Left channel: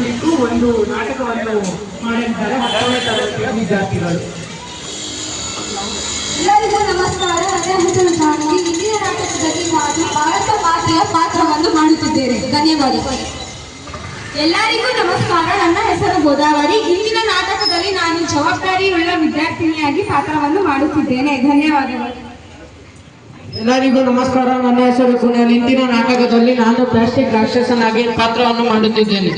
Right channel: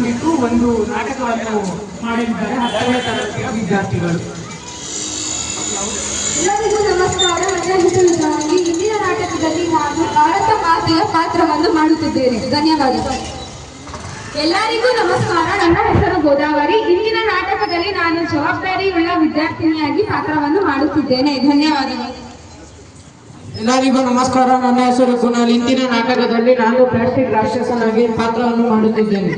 ಕುರಿತು ಒಂದು ನಾಟಕವನ್ನು ಮಾಡಿದ್ದಾರೆ 10ನೇ ತರಗತಿಯ ವಿದ್ಯಾರ್ಥಿಗಳು. ಎಲ್ಲರಿಗೂ ನಮಸ್ಕಾರ. ನನ್ನ ಹೆಸರು ಜಾನ್ವಿ. ಇಂದಿನ ನಾಟಕದಲ್ಲಿ ನಾನು ಭಾರತ ಮಾತೆಯ ಪಾತ್ರವನ್ನು ಮಾಡುತ್ತಿದ್ದೇನೆ. ಧನ್ಯವಾದಗಳು. ಎಲ್ಲರಿಗೂ ನಮಸ್ಕಾರ. ನನ್ನ ಹೆಸರು ಗೋದಾವರಿ. ಇಂದಿನ ನಾಟಕದಲ್ಲಿ ನಾನು ಜವಾಬ್ದಾರಿಯುಳ್ಳ ವಿದ್ಯಾರ್ಥಿನಿಯಾಗಿ ಪಾತ್ರವನ್ನು ಮಾಡುತ್ತಿದ್ದೇನೆ. ಧನ್ಯವಾದಗಳು. ಎಲ್ಲರಿಗೂ ನಮಸ್ಕಾರ. ನನ್ನ ಹೆಸರು ಕುನಾಲ್. ಇಂದಿನ ನಾಟಕದಲ್ಲಿ ನಾನು ಪ್ಲಾಸ್ಟಿಕ್ ರಾಕ್ಷಸನಾಗಿ ಪಾತ್ರವನ್ನು ಮಾಡುತ್ತಿದ್ದೇನೆ.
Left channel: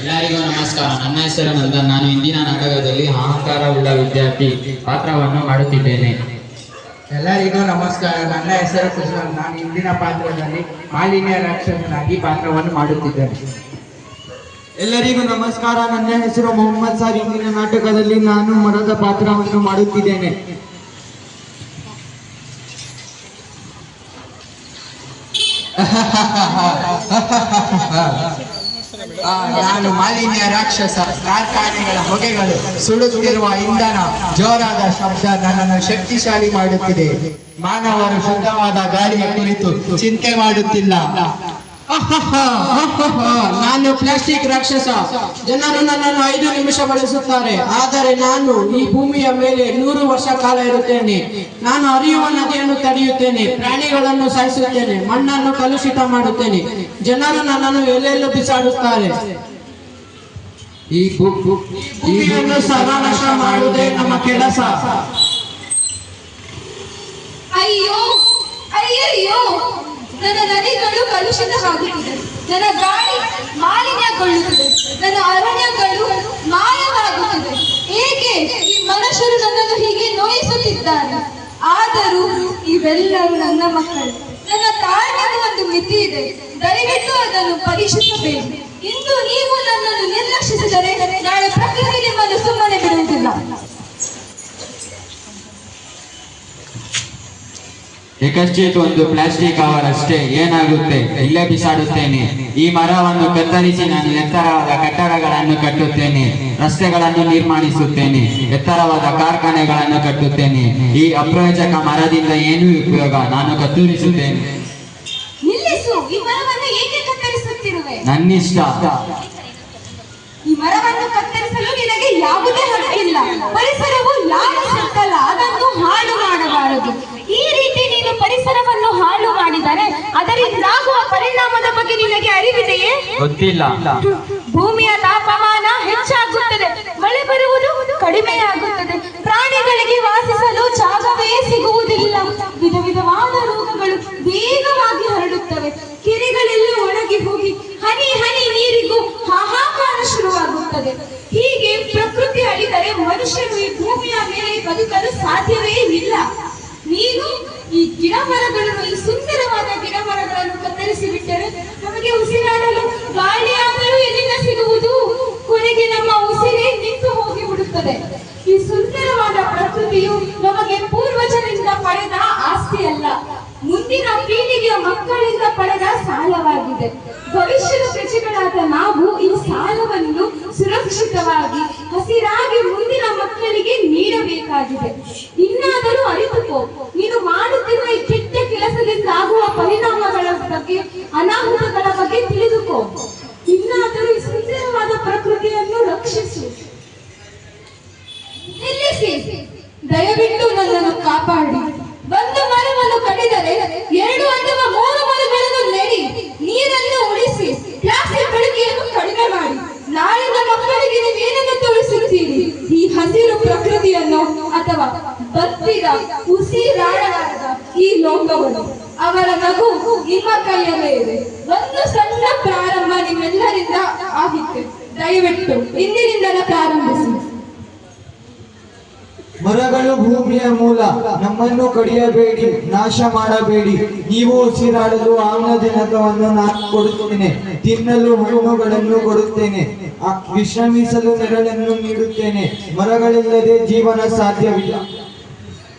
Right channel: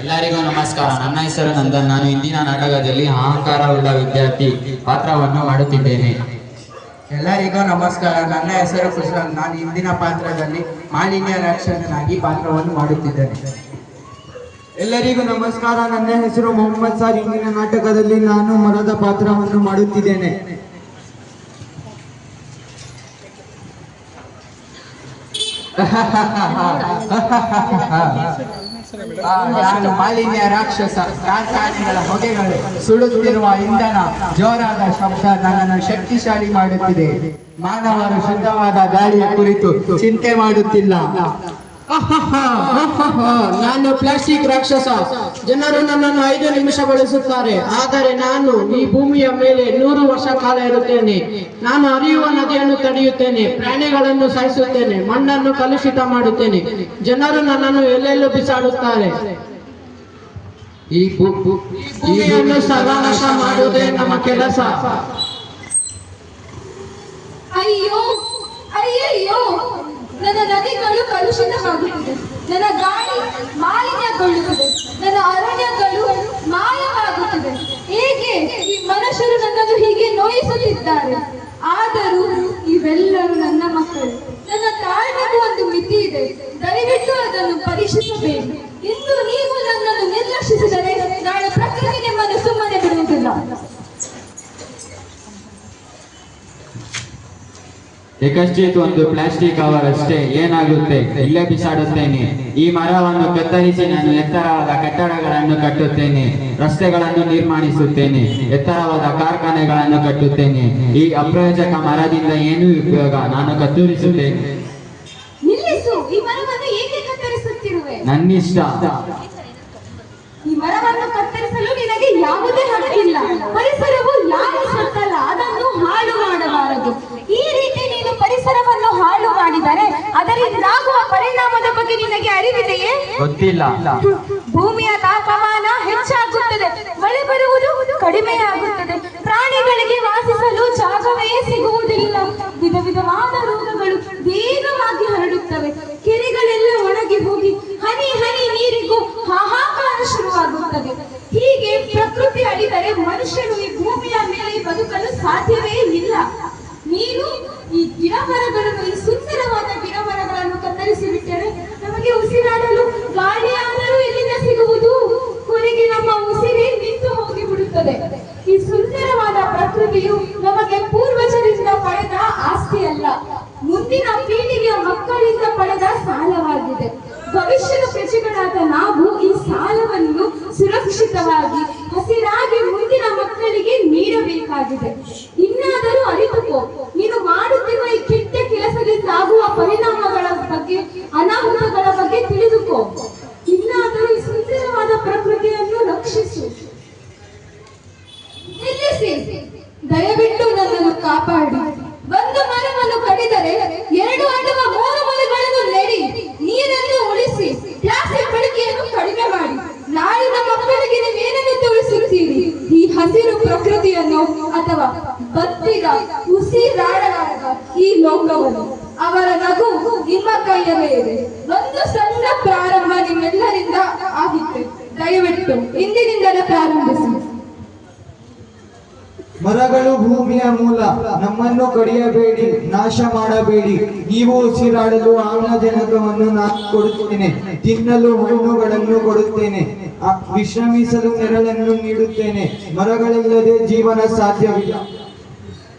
ಎಲ್ಲರಿಗೂ ನಮಸ್ಕಾರ. ನನ್ನ ಹೆಸರು ನಂದನ್. ನಾನು ಇಂದಿನ ನಾಟಕದಲ್ಲಿ ಅಹಂಕಾರವುಳ್ಳ ವಿದ್ಯಾರ್ಥಿ ಪಾತ್ರವನ್ನು ಮಾಡುತ್ತಿದ್ದೇನೆ. ಎಲ್ಲರಿಗೂ ನಮಸ್ಕಾರ. ನನ್ನ ಹೆಸರು ಕುಶಾಲ್. ನಾನು ಇಂದಿನ ಪಾತ್ರದಲ್ಲಿ ಮಾಲಿನ್ಯ ರಾಕ್ಷಸನಾಗಿ ಪಾತ್ರವನ್ನು ಮಾಡುತ್ತಿದ್ದೇನೆ. ಎಲ್ಲರಿಗೂ ನಮಸ್ಕಾರ. ನನ್ನ ಹೆಸರು ಮೊಹಮ್ಮದ್ ಸರ್. ಇಂದಿನ ನಾಟಕದಲ್ಲಿ ನಾನು ಮರದ ಪಾತ್ರವನ್ನು ಮಾಡುತ್ತಿದ್ದೇನೆ. ನಾನು ಮಾಲಿನ್ಯ ರಾಕ್ಷಸ. ಕಾರ್ಖಾನೆಗಳ ಹೊಗೆಗಳು, ಸುಡುತ್ತಿರುವ ಇಂಧನ, ಜೋರಾದ ಶಬ್ದ ನನ್ನನ್ನು ಶಕ್ತಿಶಾಲಿ ಮಾಡುತ್ತಿದೆ. ಮಾನವರು ಶುದ್ಧವಾದ ಗಾಳಿಯ ಕುರಿತು ಚಿಂತೆ ಮಾಡುತ್ತಿಲ್ಲ. ನಾನು ಪ್ಲಾಸ್ಟಿಕ್ ರಾಕ್ಷಸ. ಜನರು ನನ್ನನ್ನು 5 ನಿಮಿಷ ಬಳಸುತ್ತಾರೆ, ಆದರೆ ನಾನು ಈ ಭೂಮಿಯ ಮೇಲೆ 100 ವರ್ಷ ಕಾಲ ಇರುತ್ತೇನೆ. ನಾನು ಹರಿಯುವ ನದಿಯನ್ನು ತಡೆಯುತ್ತೇನೆ, ಪ್ರಾಣಿಗಳನ್ನು ಸಾಯಿಸುತ್ತೇನೆ, ಮಣ್ಣನ್ನು ಕಲುಷಿತ ಮಾಡುತ್ತೇನೆ. ಜನರು ನನ್ನನ್ನು ಎಲ್ಲೆಲ್ಲೂ ಬಿಸಾಡುತ್ತಾರೆ. ಈ ಭೂಮಿಯನ್ನು ಸರ್ವನಾಶ ಮಾಡುವುದೇ ನಮ್ಮ ಕೆಲಸ. ಅಯ್ಯೋ ಅಯ್ಯಯ್ಯೋ, ನನ್ನ ನದಿಗಳು ಕಲುಷಿತವಾಗುತ್ತಿದೆ, ನನ್ನ ಗಾಳಿ ಮಾಲಿನ್ಯಗೊಳ್ಳುತ್ತದೆ, ನನ್ನ ಅರಣ್ಯಗಳು ಮಾಯವಾಗುತ್ತದೆ. ಏಕೆ ಈ ಮನುಷ್ಯರು ನನ್ನನ್ನು ಹೀಗೆ ನೋಯಿಸುತ್ತಿದ್ದಾರೆ? ಆದರೂ ಇವೆಲ್ಲರೂ ನನ್ನ ಮಕ್ಕಳು. ನನ್ನ ತಾಳ್ಮೆಗೂ ಒಂದು ಮಿತಿ ಇದೆ. ದಯವಿಟ್ಟು ಅದನ್ನು ಪರೀಕ್ಷಿಸಬೇಕು. ಇಂದು ನೀವು ನನ್ನನ್ನು ನಿರ್ಲಕ್ಷಿಸಿದರೆ ನಾಳೆ ಪ್ರಕೃತಿ ನಿಮ್ಮನ್ನು ಸುಮ್ಮನೆ ಬಿಡುವುದಿಲ್ಲ. ಏಕಶ್ಚಿತ್ ಒಂದು ಪ್ಲಾಸ್ಟಿಕ್ ಕವರ್ ಅಷ್ಟೇ, ಏನಾಗುತ್ತೆ, ಇಲ್ಲೇ ಬಿಸಾಡುತ್ತೇನೆ. ಈ ಮರವನ್ನು ಕತ್ತರಿಸಿ ನಾನು ಎತ್ತರವಾದ ಕಟ್ಟಡಗಳನ್ನು ಕಟ್ಟುತ್ತೇನೆ, ರಸ್ತೆಗಳನ್ನು ನಿರ್ಮಾಣಿಸುತ್ತೇನೆ, ಎತ್ತರವಾದ ಕಾರ್ಖಾನೆಗಳನ್ನು ಕಟ್ಟುತ್ತೇನೆ. ಈ ಅಪ್ರಯೋಜಕ ಮರದಿಂದ ಏನೂ ಉಪಯೋಗ, ನಾನು ಕತ್ತರಿಸುತ್ತೇನೆ. ನಿಲ್ಲಿಸು. ಈ ಮರವನ್ನು ಏಕೆ ಕತ್ತರಿಸುತ್ತಿರುವೆ? ನನ್ನಿಷ್ಟ. ಈ ಮರವನ್ನು ಕತ್ತರಿಸಲು ನಿನಗೆ ಯಾವುದೇ ಹಕ್ಕಿಲ್ಲ. ಪರಿಸರವು ಯಾರು ಸತ್ತಲ್ಲ, ಅದನ್ನು ಹಾಳು ಮಾಡಬಾರದು. ಈ ರೀತಿ ನೀನು ಪರಿಸರವನ್ನು ಹಾಳು ಮಾಡಿದರೆ ಅದರಿಂದಾಗುವ ಪರಿಣಾಮದ ಬಗ್ಗೆ ನಿನಗೆ ಅರಿವಿದೆಯೇ? ಗೊತ್ತಿಲ್ಲ. ಭೂಮಿಯ ತಾಪಮಾನ ಹೆಚ್ಚಾಗುತ್ತದೆ, ಮಳೆ ಬರುವುದು ಕಡಿಮೆಯಾಗುತ್ತದೆ, ಪ್ರಾಣಿಗಳಿಗೆ ವಾಸಿಸಲು ಜಾಗವೇ ಸಿಗುವುದಿಲ್ಲ, ವಿಧ ವಿಧವಾದ ರೋಗಗಳು ವೇಗವಾಗಿ ಹರಡುತ್ತವೆ, ಕೆರೆಗಳೆಲ್ಲ ಒಣಗಿ ಹೋಗಿ ಹನಿ ಹನಿ ನೀರಿಗೂ ಹಾಹಾಕಾರ ಶುರುವಾಗುತ್ತದೆ. ಹೀಗೆ ಪ್ರಕೃತಿ ಅಳಿದರೆ ಮನುಷ್ಯರು ಈ ಭೂಮಿಯ ಮೇಲೆ ಬದುಕಲು ಸಾಧ್ಯವೇ ಇಲ್ಲ. ನೀನು ಈ ಗಿಡ ಮರಗಳನ್ನು, ಈ ಸುಂದರವಾದ ಗಿಡ ಮರಗಳನ್ನು ಕತ್ತರಿಸಿ ಬಿಟ್ಟರೆ ನಮಗೆ ಉಸಿರಾಡಲು ಗಾಳಿಯಾದರೂ ಎಲ್ಲಿಂದ ಸಿಗುವುದು? ಕೊನೆಗೆ ನಮ್ಮ ಉಸಿರೇ ನಿಂತು ಹೋಗಿ ಬಿಡುತ್ತದೆ. ಈ ಸುಂದರವಾದ ಪ್ರಕೃತಿಯು ನಮಗೆ ಪೂರ್ವಜರಿಂದ ಪಡೆದ ಆಸ್ತಿ ಅಲ್ಲ, ಮುಂದಿನ ಪೀಳಿಗೆಯ ಮಕ್ಕಳಿಂದ ಪಡೆದ ಸಾಲವಾಗಿದೆ. ಭವಿಷ್ಯದ ಪ್ರಜೆಗಳಾದ ನಾವು ಈ ಸಾಲವನ್ನು ಸುರಕ್ಷಿತವಾಗಿ ಹಸಿರಾಗಿ ಮುಂದಿನ ಮಕ್ಕಳಿಗೆ ನೀಡಬೇಕಾಗಿದೆ. ಇನ್ನಾದರೂ ಅರಿತುಕೋ, ನೀನು ಮಾಡುತ್ತಿರುವ ಈ ಕೆಟ್ಟ ಕೆಲಸದಿಂದ ಆಗುವ ಪರಿಣಾಮಗಳ ಬಗ್ಗೆ, ಅನಾಹುತಗಳ ಬಗ್ಗೆ ತಿಳಿದುಕೋ. ಇನ್ನಾದರೂ ಈ ಸುಂದರವಾದ ಪ್ರಕೃತಿಯನ್ನು ರಕ್ಷಿಸು. ನಿಲ್ಲಿಸಿ. ದಯವಿಟ್ಟು ನನ್ನನ್ನು ಕಾಪಾಡಿ. ಒಂದು ಮರವನ್ನು ಕಡಿದರೆ 2 ಅಥವಾ 3 ಮರಗಳನ್ನು ನೆಡಿ. ನೀರನ್ನು ಉಳಿಸಿ. ಪ್ಲಾಸ್ಟಿಕ್ ಬಳಕೆಯನ್ನು ಕಡಿಮೆ ಮಾಡಿ. ನಾಳಿನ ಮಕ್ಕಳಿಗೆ ನೀವೇನನ್ನು ತೋರಿಸುತ್ತೀರಿ? ಈ ಹಸಿರು ಪ್ರಕೃತಿಯನ್ನು ಅಥವಾ ಬತ್ತಿದ ಉಸಿರಾಡಲಾರದ ಈ ಲೋಕವನ್ನು? ಅವರ ನಗು ನಿಮ್ಮ ಕೈಯಲ್ಲೇ ಇದೆ. ಒಂದು ಸಣ್ಣ ಪ್ರಾರಂಭ ನಿಮ್ಮೆಲ್ಲರಿಂದ ಆಗಿತ್ತು. ದಯವಿಟ್ಟು ಇಂದಿನಿಂದಲೇ ಪ್ರಾರಂಭಿಸಿ. ಮರಗಳು ಭೂಮಿಯ ಮೂಲ. ನಮ್ಮನ್ನು ಕಡಿಯಬೇಡಿ, ನಾಶ ಮಾಡಬೇಡಿ. ನೀವು ಉಸಿರಾಡಲು ಆಮ್ಲಜನಕವನ್ನು ನಾನು ಕೊಡುತ್ತೇನೆ, ತಿನ್ನಲು ಹಣ್ಣುಗಳನ್ನು ಕೊಡುತ್ತೇನೆ, ವಿಶ್ರಮಿಸಲು ನೆರಳನ್ನು ನೀಡುತ್ತೇನೆ. ಮರಗಳಿಲ್ಲದೆ ಜೀವನ ಸಾಧ್ಯವಿಲ್ಲ.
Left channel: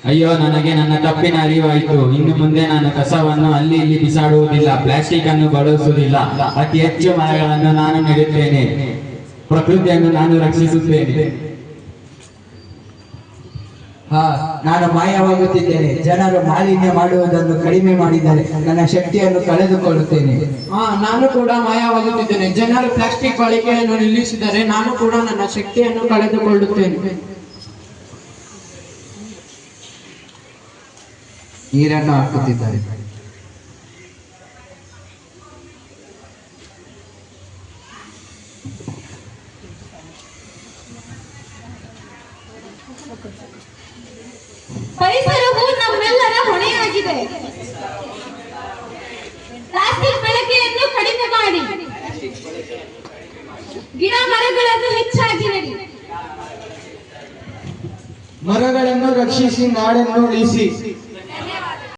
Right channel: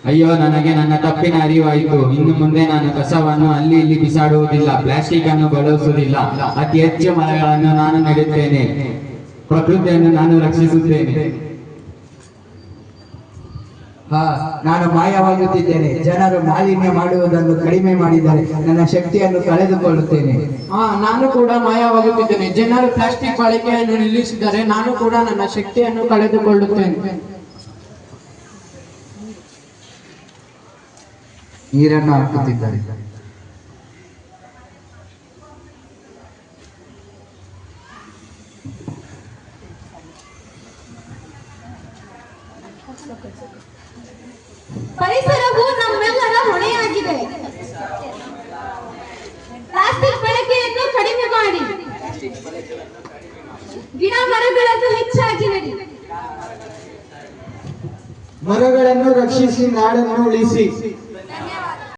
ಅಯ್ಯೋ, ನನಗೆ ನನ್ನ ತಪ್ಪಿನ ಅರಿವಾಯಿತು. ಇನ್ನು ಮುಂದೆ ನಾನು ಕಸವನ್ನು ಅಲ್ಲಿ ಇಲ್ಲಿ ಬಿಸಾಡುವುದಿಲ್ಲ, ಪ್ಲಾಸ್ಟಿಕ್ ಅನ್ನು ಬಳಸುವುದಿಲ್ಲ. ಅತಿ ಹೆಚ್ಚು ಮರಗಳನ್ನು ನಾನು ನೆಡುತ್ತೇನೆ, ಪ್ರಕೃತಿಯನ್ನು ನಾನು ರಕ್ಷಿಸುತ್ತೇನೆ. ನಾನು ಮಾಯವಾಗುತ್ತಿದ್ದೇನೆ. ಜನರು ಮಾಲಿನ್ಯ ಮಾಡುವುದನ್ನು ಕಡಿಮೆ ಮಾಡಿದರೆ ನನ್ನ ಶಕ್ತಿಯನ್ನು ಕಳೆದುಕೊಳ್ಳುತ್ತೇನೆ. ನಾನು ಕೂಡ ಮಾಯವಾಗುತ್ತಿದ್ದೇನೆ. ಜನರು ಪ್ಲಾಸ್ಟಿಕ್ ಬಳಕೆಯನ್ನು ನಿಲ್ಲಿಸಿದರೆ ನಾನು ಕೂಡ ನನ್ನ ಶಕ್ತಿಯನ್ನು ಕಳೆದುಕೊಳ್ಳುತ್ತೇನೆ. ನೀರನ್ನು ಹಾಕುತ್ತಿದ್ದಾರೆ. ಪರಿಸರವು ನಮ್ಮೆಲ್ಲರ ಹೊಣೆಯಾಗಿದೆ. ಪ್ಲಾಸ್ಟಿಕ್ ಬಳಕೆಯನ್ನು ಕಡಿಮೆ ಮಾಡಿ, ಗಿಡ ಮರಗಳನ್ನು ಹೆಚ್ಚಾಗಿ ನೆಡಿ. ಮರಗಳನ್ನು ರಕ್ಷಿಸಿ, ನಾಡನ್ನು ಉಳಿಸಿ.